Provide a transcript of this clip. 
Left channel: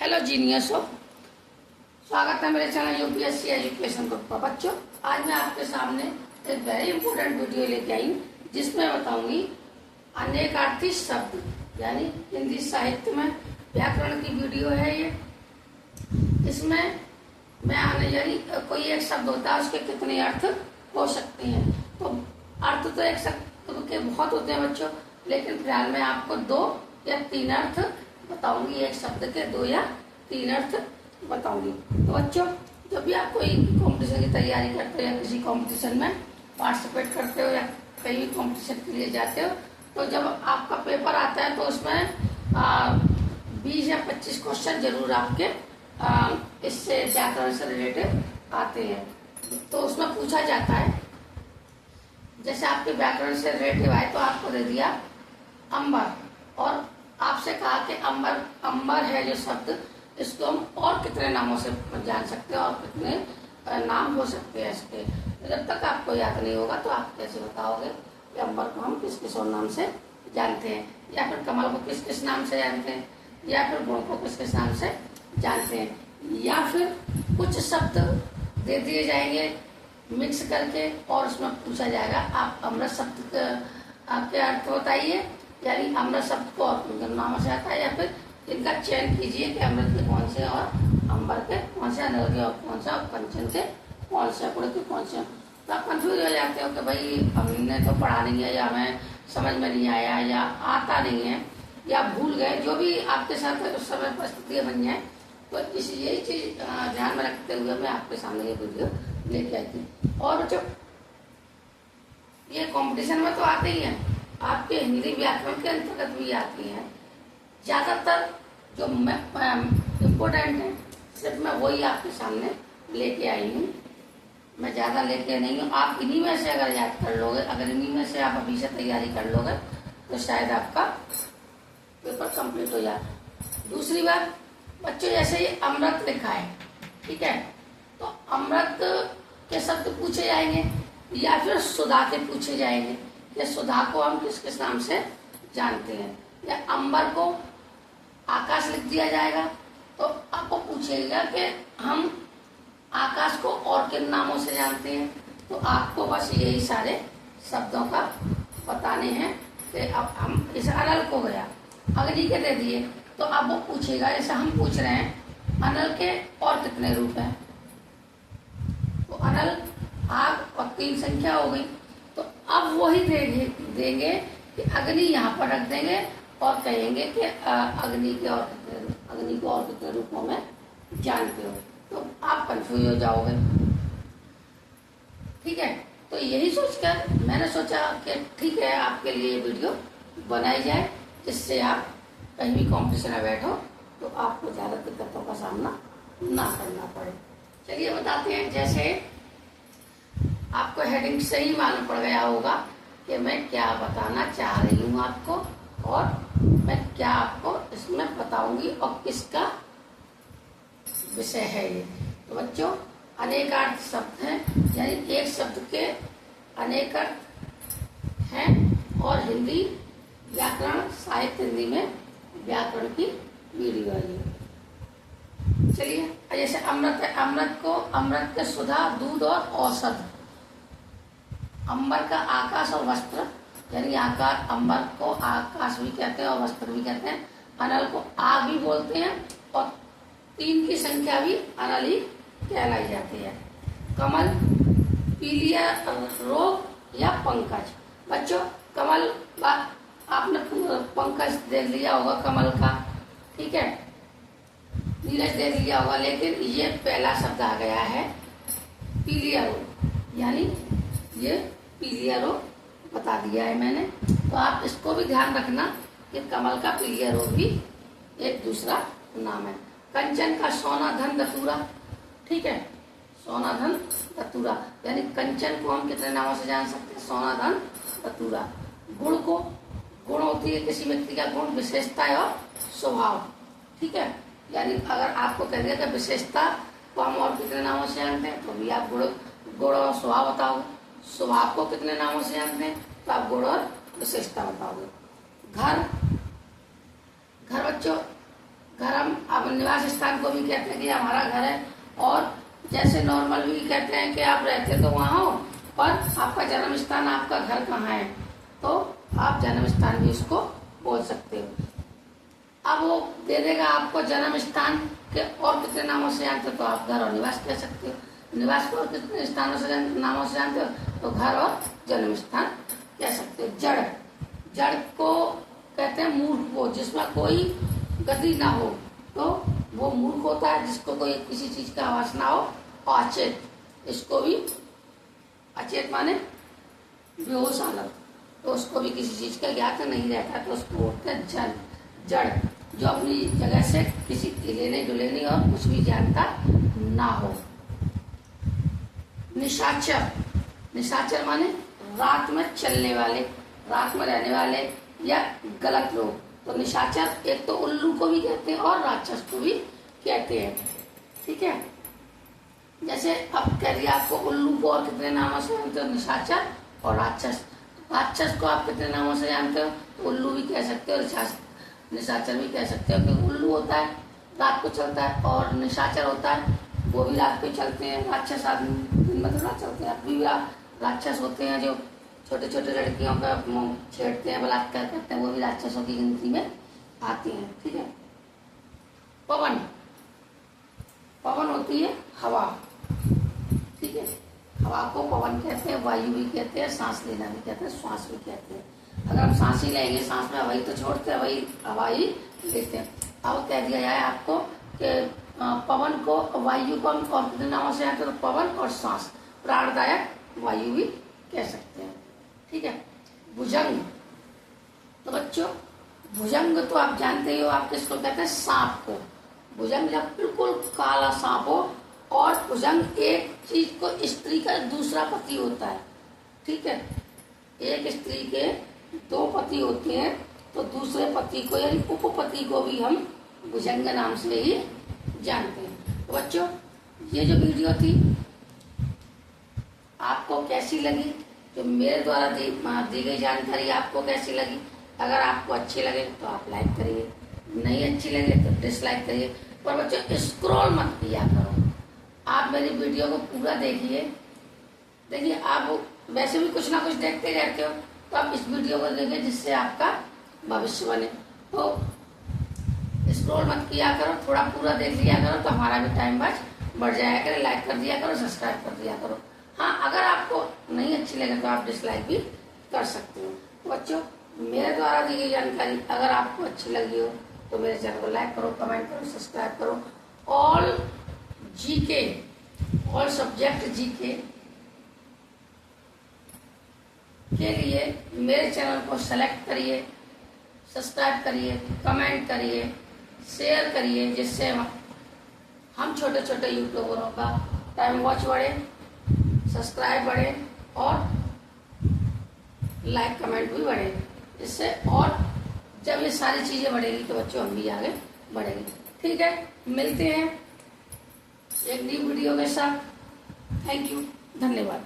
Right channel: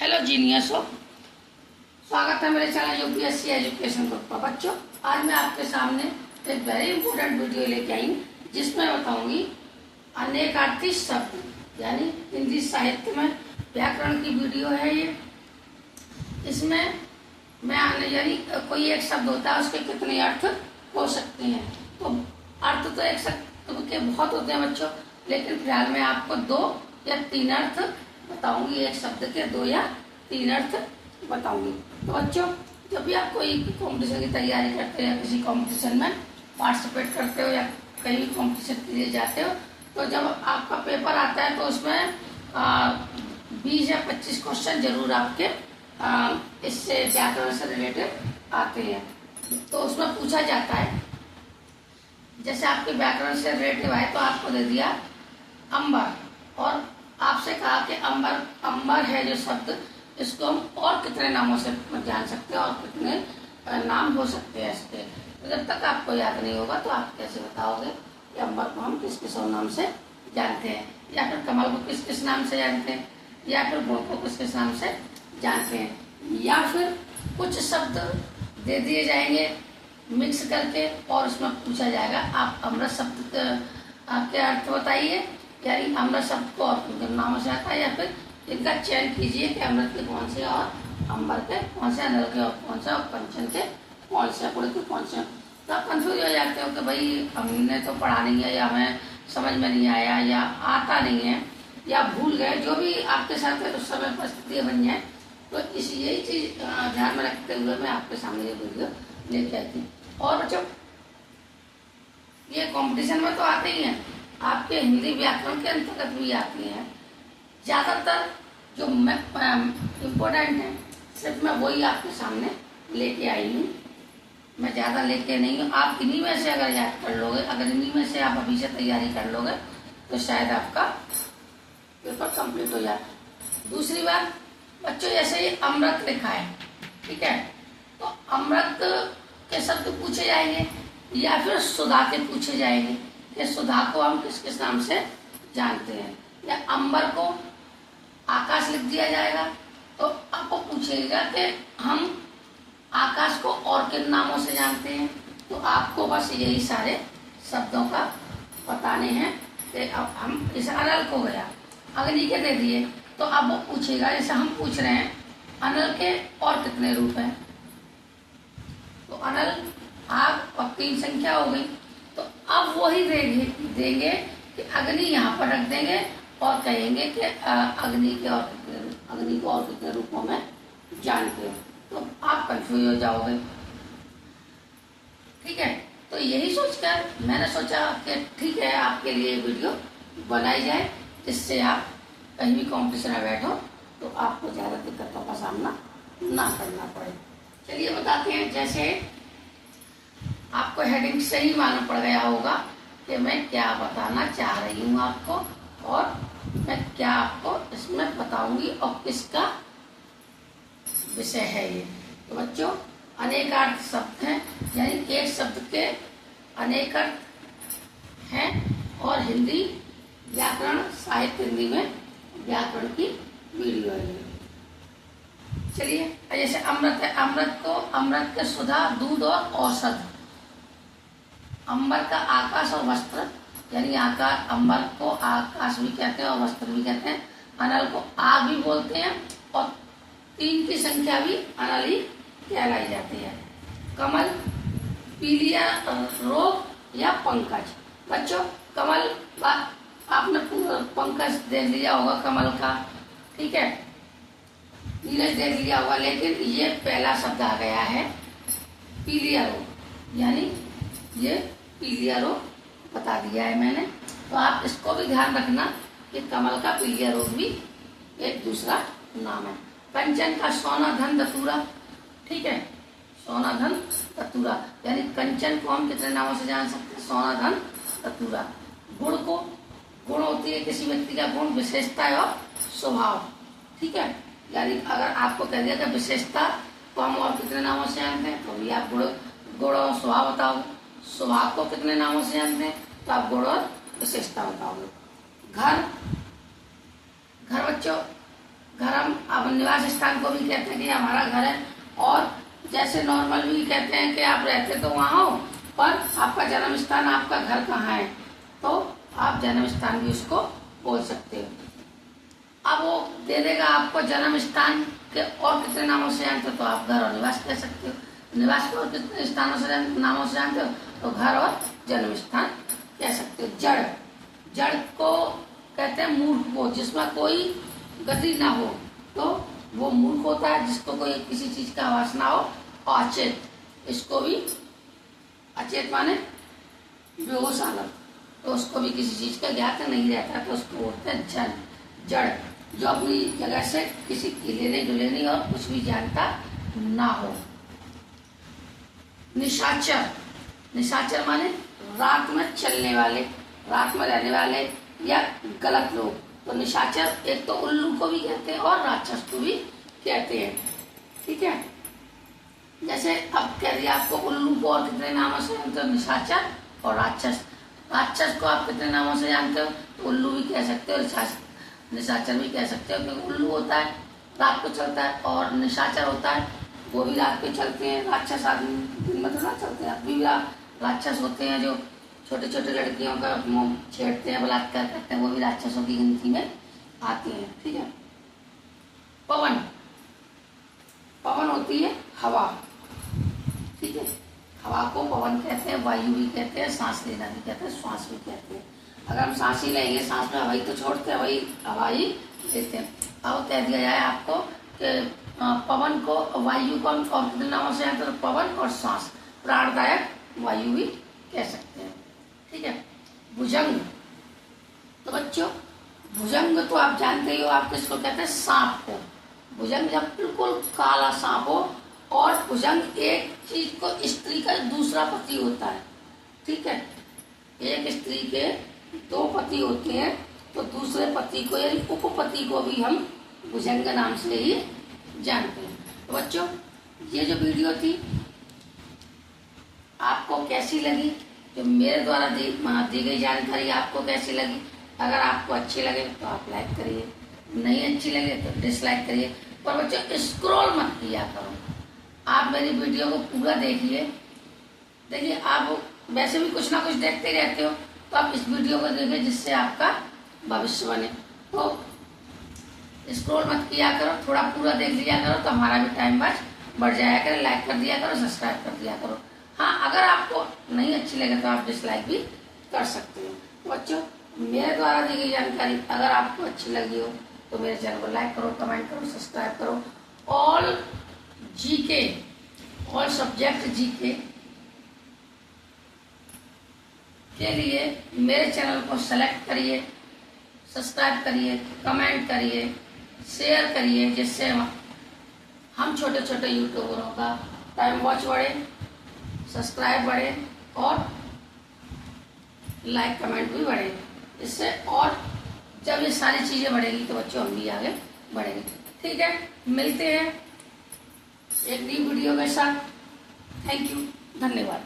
Hello जीनियसो, स्वागत है मेरे चैनल यूपीएससी एजुकेशन ग्रुप पर। बच्चों, आज मैं आपके सामने एक वेरी इंपॉर्टेंट वीडियो लेके आई हूँ जिसमें बताऊंगी अनेकार्थी शब्द यानी हिंदी साहित्य में व्याकरण की वीडियो है ये। इसमें मैं यानी कोई एक शब्द होता है उसके कितने अर्थ हो सकते हैं। तो अर्थ तो एक शब्द के बहुत होते हैं बच्चों, लेकिन फिलहाल मैं आपको 2 या 3 अर्थ बताऊंगी। एक शब्द के 2 या 3 अर्थ बताऊंगी। तो बच्चों, जब भी आप कोई कंपटीशन की तैयारी करते हो या किसी कंपटीशन में पार्टिसिपेट करते हो या कहीं भी कंपटीशन के लिए जाते हो, तो जब आपका पेपर आता है तो उसमें 20 या 25 क्वेश्चन जरूर आपके इससे व्याकरण से रिलेटेड आते हैं। तो उसमें पूछा जाता है, जैसे आपके व्याकरण से रिलेटिव है तो आपको दे दिया अंबर, और आपसे कहा कि अंबर है जो शब्द, इसको हम और कितने नामों से जान सकते हैं और कितने नाम हो सकते हैं इसके। जब तक आपको याद नहीं होगा तो आप कैसे बताओगे कि अंबर को हम किस किस नाम से जानते हैं, या फिर कमल को किस किस नाम से जानते हैं, या फिर गुण को किस किस नाम से जानते हैं, या फिर कुछ शब्द दे दिए जाएंगे मिक्स करके और उसमें पूछा जाएगा आप अमृत शब्द आपके अर्थ बताइए, यानी अमृत शब्द को और नामों से आता है, या फिर इनका चयन कीजिए कि अमृत के कौन से और अंबर के कौन से, अनल के कौन से और कंचन के कौन से, गुड़ के कौन से। तो आप कंफ्यूज हो जाते हो कि भाई हमने तो पढ़ा नहीं है, या हमें समझ में नहीं आया, या आता नहीं है, या भूल गए, जो भी आपके साथ उस समय परिस्थितियाँ बन जाए। तो यही चीज ध्यान में रखते हुए मैं आपके सामने ये वीडियो लेके आई थी। और बच्चों, ये कंपटीशन में तो आते ही हैं, आपके हिंदी व्याकरण के अंतर्गत भी आती हैं। ज्यादातर जो इम्पोर्टेंट है सिर्फ मैं वही आपके सामने लेके आई हूँ, मैं ज्यादा लेके नहीं हूँ। आप इन्हीं में से अगर याद कर लोगे, अगर इन्हीं में से आप अभी से तैयारी कर लोगे तो शायद आपका पेपर कंप्लीट हो जाए। दूसरी बात बच्चों, जैसे ये अमृत लिखा है, ठीक है, तो अमृत के शब्द पूछे जाएंगे या फिर सुधा के पूछे जाएंगे कि सुधा को हम किस किस नाम से जानते हैं, या अंबर को आकाश लिख दिया जाएगा तो आपको पूछेगा कि हम आकाश को और किन नामों से जानते हैं। तो आपको बस यही सारे शब्दों का बताने हैं कि अब हम इस अनल को गया, अग्नि के दे दिए, तो अब वो पूछेगा, जैसे हम पूछ रहे हैं अनल के और कितने रूप हैं, तो अनल, आग और 3 संख्या हो गई। तो अब वही देंगे कि अग्नि यहाँ पर रख देंगे और कहेंगे कि अग्नि को और कितने रूपों में जानते हो। तो आप कंफ्यूज हो जाओगे, ठीक है। तो यही सोचकर मैंने सोचा कि ठीक है, आपके लिए वीडियो बनाई जाए जिससे आप कहीं भी कॉम्पिटिशन में बैठो तो आपको ज्यादा दिक्कतों का सामना ना करना पड़े। चलिए बताते हैं। जैसे आपको हेडिंग से ही मालूम पड़ गया होगा कि मैं क्या बताना चाह रही हूँ आपको, और मैं क्या आपको इसमें बताऊंगी और किसका विषय है ये। तो बच्चों, अनेकार्थ शब्द हैं, यानी एक शब्द के अनेक अर्थ हैं, और हिंदी व्याकरण साहित्य, हिंदी में व्याकरण की वीडियो है ये। चलिए, जैसे अमृत है, अमृत के सुधा, दूध और औषध। अंबर का आकाश और वस्त्र, यानी आकाश, अंबर को आकाश भी कहते हैं और वस्त्र भी कहते हैं। अनल को आग भी बोलते हैं, और 3 की संख्या भी अनल ही कहलाई जाती है। कमल, पीलिया रोग या पंकज। बच्चों, कमल आपने पंकज देख लिया होगा कमल का, ठीक है, नीरज देख लिया होगा, लेकिन ये पहला शब्द आ गया है पीलिया रोग, यानी ये पीलिया रोग बता दिया है मैंने। तो आप इसको भी ध्यान रखना कि कमल का पीलिया रोग भी एक दूसरा नाम है। कंचन का सोना धन धतूरा, ठीक है, सोना धन धतूरा, यानी कंचन को हम कितने नामों से जान सकते हैं, सोना धन धतूरा। गुण को, गुण होती है किसी व्यक्ति का गुण, विशेषता और स्वभाव, ठीक है, यानी अगर आपको कह दिया कि विशेषता को हम और कितने नामों से जानते हैं, तो भी आप गुण और स्वभाव बताओगे। स्वभाव को कितने नामों से जानते हैं, तो आप गुण और विशेषता बताओगे। घर, घर बच्चों, घर हम अब निवास स्थान को भी कहते हैं कि हमारा घर है, और जैसे नॉर्मल भी कहते हैं कि आप रहते तो वहाँ हो, पर आपका जन्म स्थान, आपका घर कहाँ है, तो आप जन्म स्थान भी उसको बोल सकते हो। अब वो दे देगा आपको जन्म स्थान के और कितने नामों से जानते हो, तो आप घर और निवास कह सकते हो। निवास को और कितने स्थानों से नामों से जानते हो, तो घर और जन्म स्थान कह सकते हो। जड़, जड़ को कहते हैं मूर्ख को, जिसमें कोई गति ना हो, तो वो मूर्ख होता है। जिसको कोई किसी चीज का आवास ना हो। अचेत, इसको भी, अचेत माने बेहोश आलम, तो उसको भी किसी चीज का ज्ञात नहीं रहता, तो उसको बोलते हैं जड़। जड़, जो अपनी जगह से किसी की लेने डुलेने और कुछ भी जानता ना हो। निशाचर, निशाचर माने रात में चलने वाले, रात में रहने वाले या गलत लोग। तो निशाचर एक तो उल्लू को भी कहते हैं और राक्षस को भी कहते हैं। ठीक है, जैसे अब कह दिया आपको उल्लू को और कितने नामों से जानते हो, निशाचर और राक्षस। राक्षस को आप कितने नामों से जानते हो, तो उल्लू भी कह सकते हो, निशाचर भी कह सकते हो। क्योंकि उल्लू होता है रात को चलता है, और निशाचर होता है वो भी रात को चलते हैं। राक्षस आदमी दिन में तो ना चलते हैं, अभी भी राक्षस होते हैं जो छोटे छोटे लड़कियों का मुंह छेड़ते हैं, बलात्कार करते हैं, वो भी राक्षसों की गिनती में आती हैं। ठीक है। पवन, पवन होती है हवा। ठीक है, हवा को पवन कहते हैं, वायु भी कहते हैं, सांस लेना भी कहते हैं, श्वास भी कहते हैं। अगर हम सांस ही लेंगे, सांस में हवा ही तो छोड़ते हैं, वही हवा ही लेते हैं। अब कह दिया जाए आपको कि पवन को, वायु को हम और कितने नामों से आते हैं, तो पवन और सांस, प्राणदायक वायु भी कह सकते हैं। ठीक है। भुजंग, तो बच्चों भुजंग तो आप जानते ही हो, आप किसको कहते हैं, सांप को। भुजंग जब बिल्कुल काला सांप हो, और भुजंग एक चीज को, स्त्री का दूसरा पति होता है। ठीक है, एक स्त्री के दो पति होते हैं, तो दूसरे पति को यानी उपपति को भी हम भुजंग नाम से ही जानते हैं। तो बच्चों ये जो वीडियो थी आपको कैसी लगी, जो मेरे द्वारा दी गई जानकारी आपको कैसी लगी? अगर आपको अच्छी लगे तो आप लाइक करिए, नहीं अच्छी लगे तो डिसलाइक करिए, पर बच्चों स्क्रॉल मत किया करो। आप मेरी वीडियो को पूरा देखिए। देखिए, आप वैसे भी कुछ ना कुछ देखते रहते हो, तो आप इस वीडियो को देखिए जिससे आपका भविष्य बने। तो स्क्रॉल मत किया करो, थोड़ा पूरा देख लिया करो, तो हमारा भी टाइम बढ़ जाया करे। लाइक कर दिया करो, सब्सक्राइब कर दिया करो। हाँ, अगर आपको नहीं अच्छी लगे तो आप डिसलाइक भी कर सकते हो। तो बच्चों मेरे द्वारा दी गई जानकारी अगर आपको अच्छी लगी हो तो मेरे चैनल को लाइक करो, कमेंट करो, सब्सक्राइब करो। All GK, all subject GK के लिए मेरे चैनल को सेलेक्ट करिए, सब्सक्राइब करिए, कमेंट करिए, शेयर करिए, जिससे हम छोटे छोटे यूट्यूबरों का टाइम वॉच बढ़े, सब्सक्राइब बढ़े और लाइक कमेंट भी बढ़े। इससे और जब ये सारी चीजें बढ़ेगी तो बच्चों हम भी आगे बढ़ेंगे। ठीक है, मिलते हैं एक नई वीडियो के साथ। थैंक यू, धन्यवाद।